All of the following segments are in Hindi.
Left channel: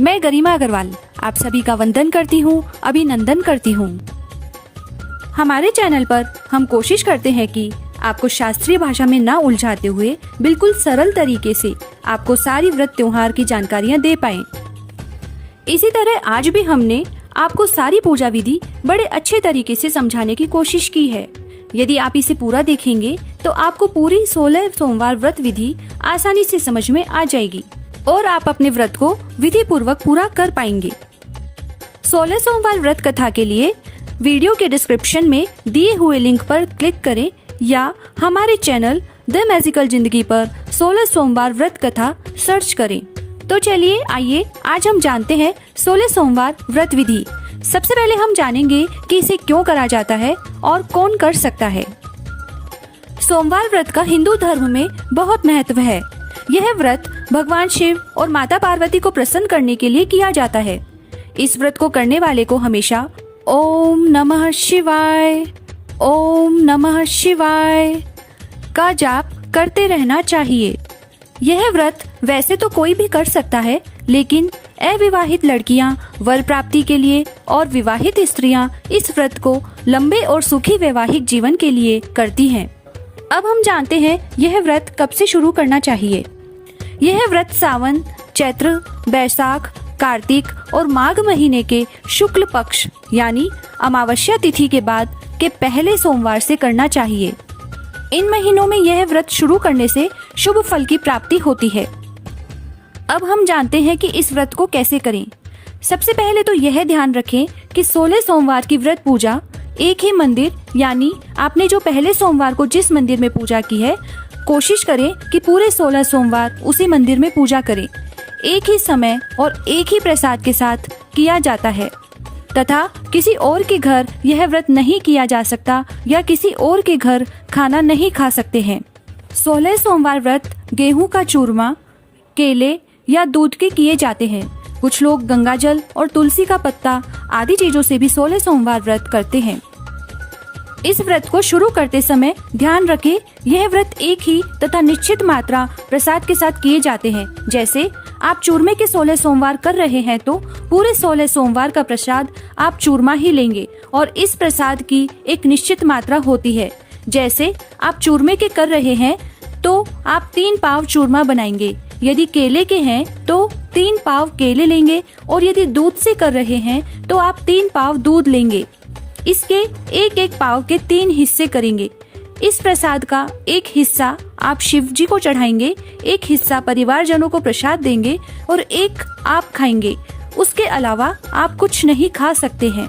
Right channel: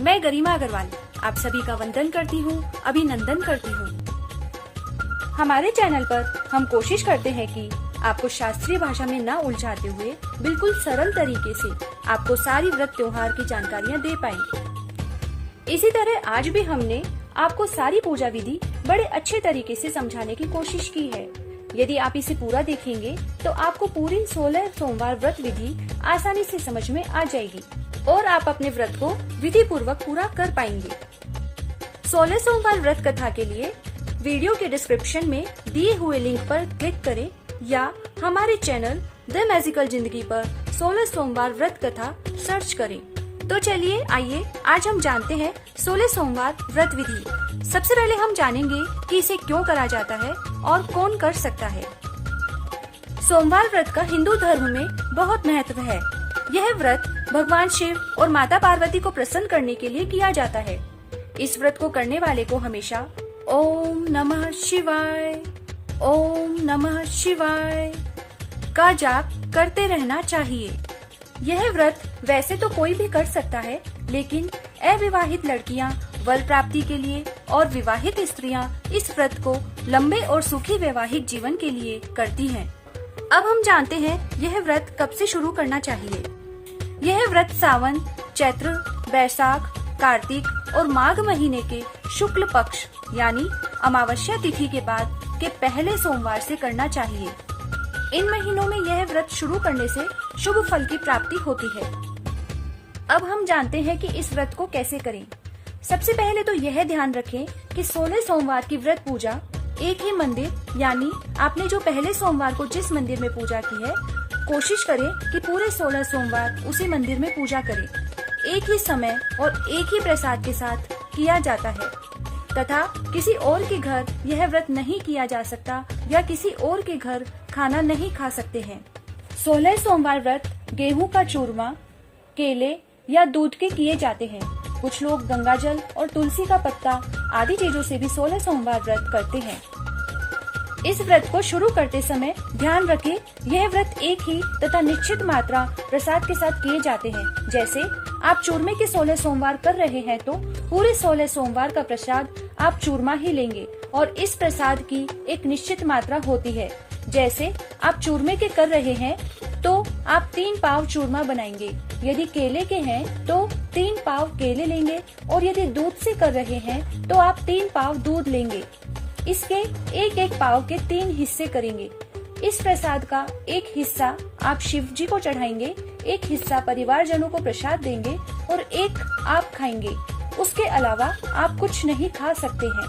मैं गरिमा अग्रवाल आप सभी का वंदन करती हूँ, अभिनंदन करती हूँ। हमारे चैनल पर हम कोशिश करते हैं कि आपको शास्त्रीय भाषा में ना उलझाते हुए बिल्कुल सरल तरीके से आपको सारी व्रत त्योहार की जानकारियाँ दे पाएं। इसी तरह आज भी हमने आपको सारी पूजा विधि बड़े अच्छे तरीके से समझाने की कोशिश की है। यदि आप इसे पूरा देखेंगे तो आपको पूरी 16 सोमवार व्रत विधि आसानी से समझ में आ जाएगी और आप अपने व्रत को विधि पूर्वक पूरा कर पाएंगे। 16 सोमवार व्रत कथा के लिए वीडियो के डिस्क्रिप्शन में दिए हुए लिंक पर क्लिक करें या हमारे चैनल द मैजिकल जिंदगी पर 16 सोमवार व्रत कथा सर्च करें। तो चलिए आइए आज हम जानते हैं 16 सोमवार व्रत विधि। सबसे पहले हम जानेंगे कि इसे क्यों करा जाता है और कौन कर सकता है। सोमवार व्रत का हिंदू धर्म में बहुत महत्व है। यह व्रत भगवान शिव और माता पार्वती को प्रसन्न करने के लिए किया जाता है। इस व्रत को करने वाले को हमेशा ओम नमः शिवाय, ओम नमः शिवाय का जाप करते रहना चाहिए। यह व्रत वैसे तो कोई भी कर सकता है, लेकिन अविवाहित लड़कियां वर प्राप्ति के लिए और विवाहित स्त्रियां इस व्रत को लंबे और सुखी वैवाहिक जीवन के लिए करती हैं। अब हम जानते हैं यह व्रत कब से शुरू करना चाहिए। यह व्रत सावन, चैत्र, बैसाख, कार्तिक और माघ महीने के शुक्ल पक्ष यानी अमावस्या तिथि के बाद के पहले सोमवार से करना चाहिए। इन महीनों में यह व्रत शुरू करने से शुभ फल की प्राप्ति होती है। अब हम जानते हैं कि इस व्रत को कैसे करें। सबसे पहले तो यह ध्यान रखें कि 16 सोमवार की व्रत पूजा एक ही मंदिर यानी आपने जो पहले सोमवार को जिस मंदिर में पूजा की है, कोशिश करें कि पूरे 16 सोमवार उसी मंदिर में पूजा करें। एक ही समय और एक ही प्रसाद के साथ किया जाता है तथा किसी और के घर यह व्रत नहीं किया जा सकता या किसी और के घर खाना नहीं खा सकते हैं। 16 सोमवार व्रत गेहूं का चूरमा, केले या दूध के किए जाते हैं। कुछ लोग गंगाजल और तुलसी का पत्ता आदि चीजों से भी 16 सोमवार व्रत करते हैं। इस व्रत को शुरू करते समय ध्यान रखें यह व्रत एक ही तथा निश्चित मात्रा प्रसाद के साथ किए जाते हैं। जैसे आप चूरमे के 16 सोमवार कर रहे हैं तो पूरे 16 सोमवार का प्रसाद आप चूरमा ही लेंगे और इस प्रसाद की एक निश्चित मात्रा होती है। जैसे आप चूरमे के कर रहे हैं तो आप 3 पाव चूरमा बनाएंगे। यदि केले के हैं तो 3 पाव केले लेंगे और यदि दूध से कर रहे हैं तो आप 3 पाव दूध लेंगे। इसके एक पाव के 3 हिस्से करेंगे। इस प्रसाद का एक हिस्सा आप शिव जी को चढ़ाएंगे, एक हिस्सा परिवारजनों को प्रसाद देंगे और एक आप खाएंगे। उसके अलावा आप कुछ नहीं खा सकते हैं।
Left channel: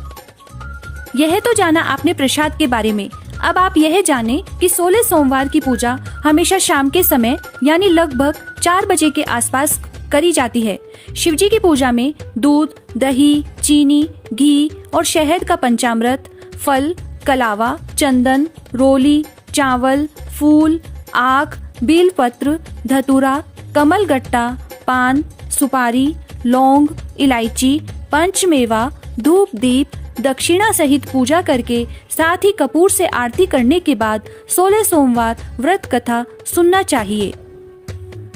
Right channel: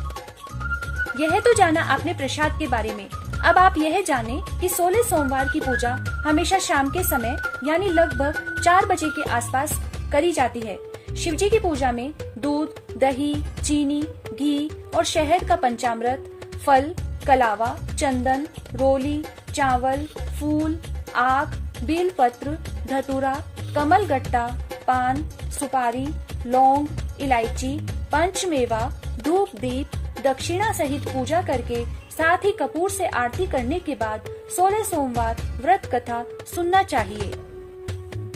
यह तो जाना आपने प्रसाद के बारे में। अब आप यह जाने कि 16 सोमवार की पूजा हमेशा शाम के समय यानी लगभग 4 बजे के आसपास करी जाती है। शिव जी की पूजा में दूध, दही, चीनी, घी और शहद का पंचामृत, फल, कलावा, चंदन, रोली, चावल, फूल, आक, बेलपत्र, धतूरा, कमल गट्टा, पान, सुपारी, लौंग, इलायची, पंचमेवा, धूप दीप, दक्षिणा सहित पूजा करके साथ ही कपूर से आरती करने के बाद 16 सोमवार व्रत कथा सुनना चाहिए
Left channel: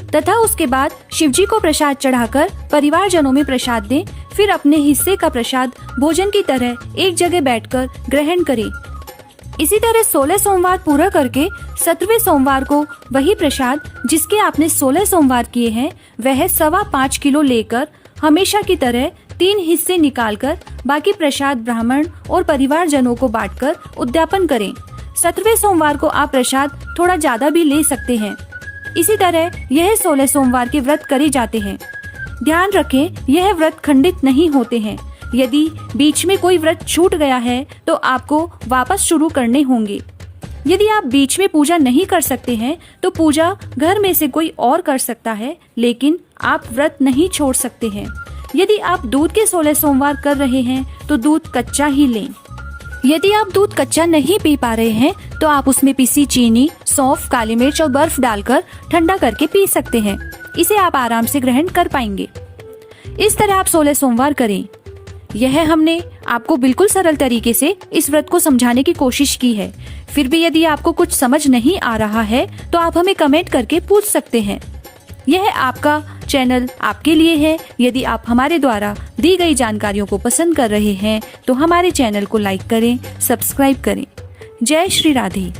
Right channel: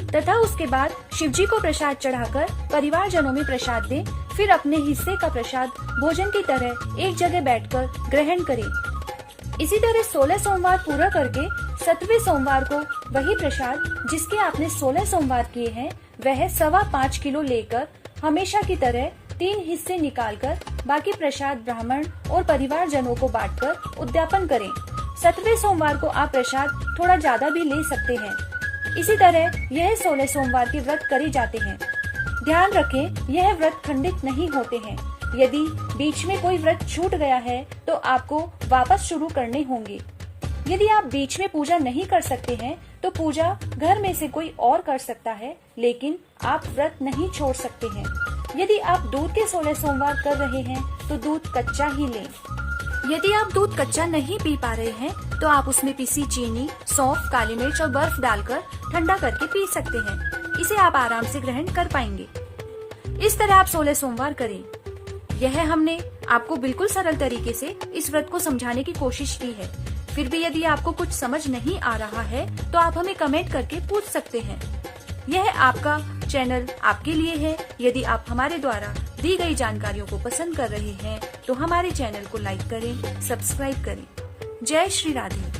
तथा उसके बाद शिवजी को प्रसाद चढ़ाकर परिवारजनों में प्रसाद दें। फिर अपने हिस्से का प्रसाद भोजन की तरह एक जगह बैठकर ग्रहण करें। इसी तरह 16 सोमवार पूरा करके 17वें सोमवार को वही प्रसाद जिसके आपने 16 सोमवार किए हैं वह 5.25 किलो लेकर हमेशा की तरह 3 हिस्से निकालकर बाकी प्रसाद ब्राह्मण और परिवारजनों को बांटकर उद्यापन करें। 17वें सोमवार को आप प्रसाद थोड़ा ज्यादा भी ले सकते हैं। इसी तरह यह 16 सोमवार के व्रत करे जाते हैं। ध्यान रखें यह व्रत खंडित नहीं होते हैं। यदि बीच में कोई व्रत छूट गया है तो आपको वापस शुरू करने होंगे। यदि आप बीच में पूजा नहीं कर सकते हैं तो पूजा घर में से कोई और कर सकता है, लेकिन आप व्रत नहीं छोड़ सकते हैं। यदि आप दूध के 16 सोमवार कर रहे हैं तो दूध कच्चा ही लें। यदि आप दूध कच्चा नहीं पी पा रहे हैं तो आप उसमें पिसी चीनी, सौंफ, काली मिर्च और बर्फ डालकर ठंडा करके पी सकते हैं। इसे आप आराम से ग्रहण कर पाएंगे। इस तरह आप 16 सोमवार करें। यह हमने आपको बिल्कुल सरल तरीके से इस व्रत को समझाने की कोशिश की है। फिर भी यदि आपको कुछ समझ नहीं आ रहा है तो आप हमें कमेंट करके पूछ सकते हैं। यह आपका चैनल आपके लिए है। यदि आप हमारे द्वारा दी गई जानकारियों को पसंद कर रहे हैं तो हमारे चैनल को लाइक करें, सब्सक्राइब करें। जय श्री राधे।